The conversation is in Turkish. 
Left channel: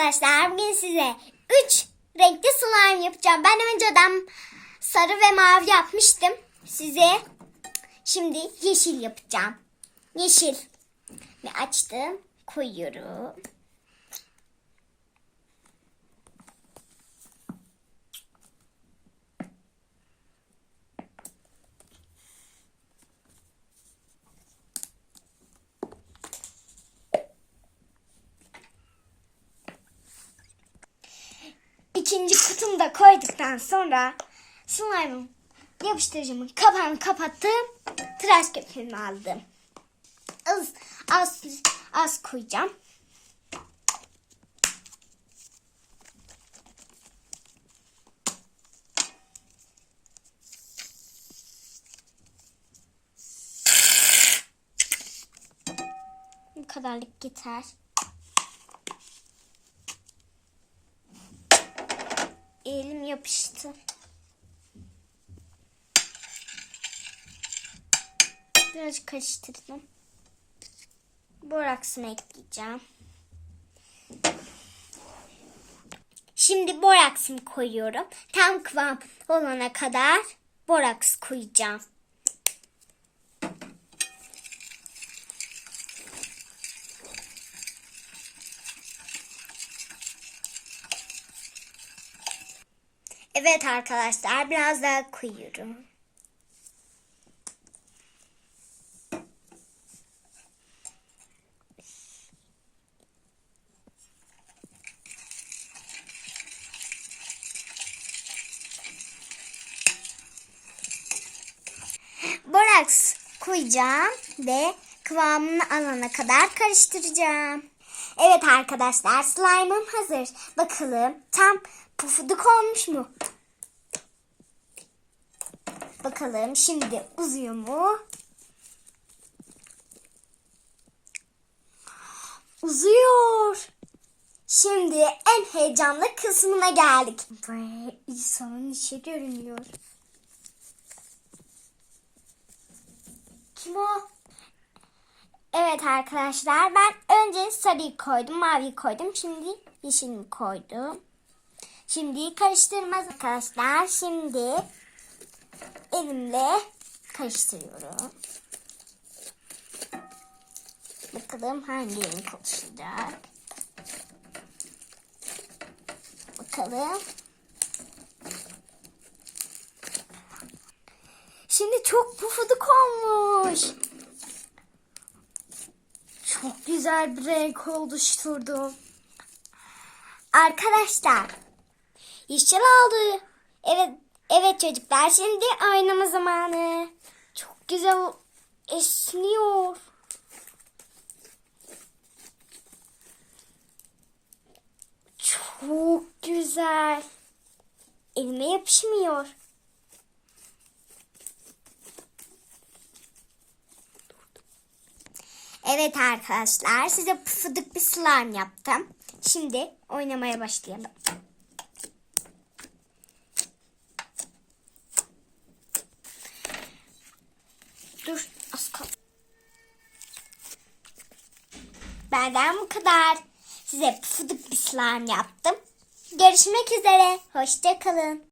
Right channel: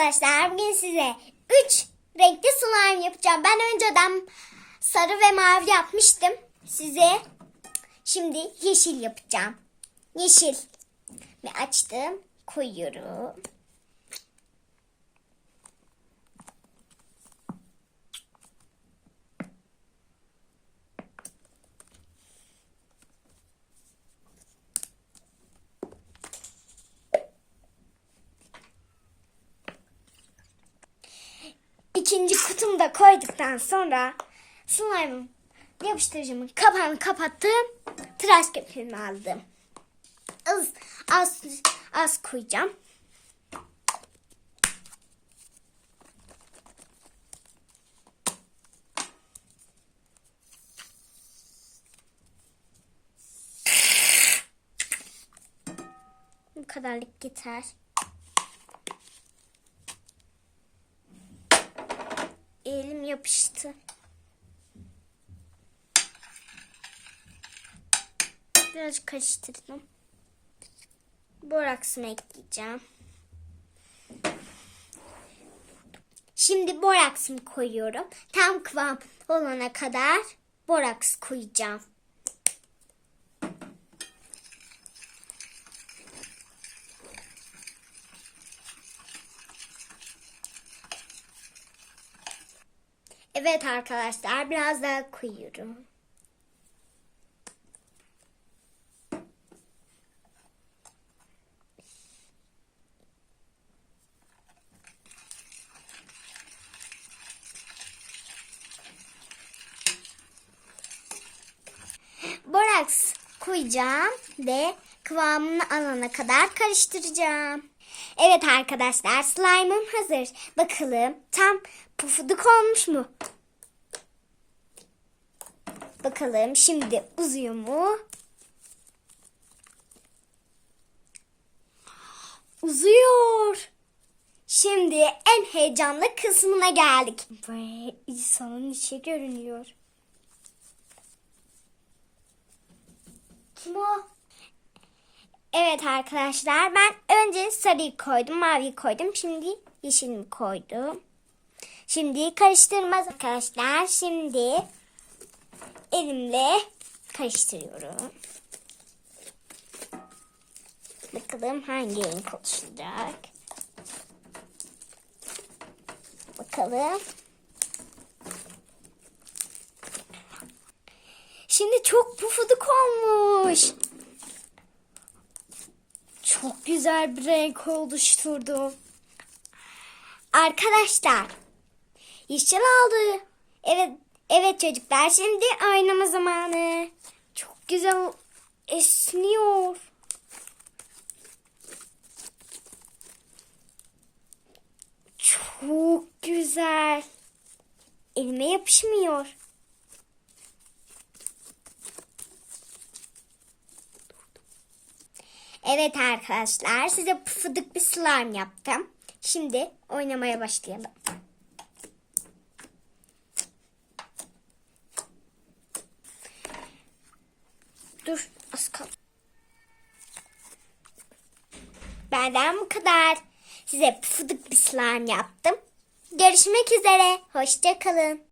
arkadaşlar bugün size 3 renkli slime yapacağım. Ben önceden sarı ve mavi yapmıştım. Size şimdi yeşil yapacağım. Yeşil. Ve açtım. Koyuyorum. İkinci kutumu da koyduktan sonra slime yapıştırıcımın kapağını kapattım. Tıraş köpüğünü aldım. Az, az, az koyacağım. Bu kadarlık yeter. Elim yapıştı. Biraz karıştırdım. Boraksını ekleyeceğim. Şimdi boraksımı koyuyorum. Tam kıvam olana kadar boraks koyacağım. Evet arkadaşlar biraz daha koyuyorum. Boraks koyacağım ve kıvamını alana kadar karıştıracağım. Evet arkadaşlar slime'ım hazır. Bakalım tam pufuduk olmuş mu? Bakalım şimdi uzuyor mu? Uzuyor. Şimdi en heyecanlı kısmına geldik. Ve insanın içi görünüyor. Kim o? Evet arkadaşlar ben önce sarıyı koydum, maviyi koydum. Şimdi yeşilini koydum. Şimdi karıştırmaz arkadaşlar. Şimdi elimle karıştırıyorum. Bakalım hangi renk oluşacak. Bakalım. Şimdi çok pufuduk olmuş. Çok güzel bir renk oluşturdum. Arkadaşlar yeşil oldu. Evet evet çocuklar şimdi oynama zamanı. Çok güzel esniyor. Çok güzel. Elime yapışmıyor. Evet arkadaşlar size pufuduk bir slime yaptım. Şimdi oynamaya başlayalım. Dur az kal. Benden bu kadar. Size pufuduk bir slime yaptım. Görüşmek üzere. Hoşçakalın.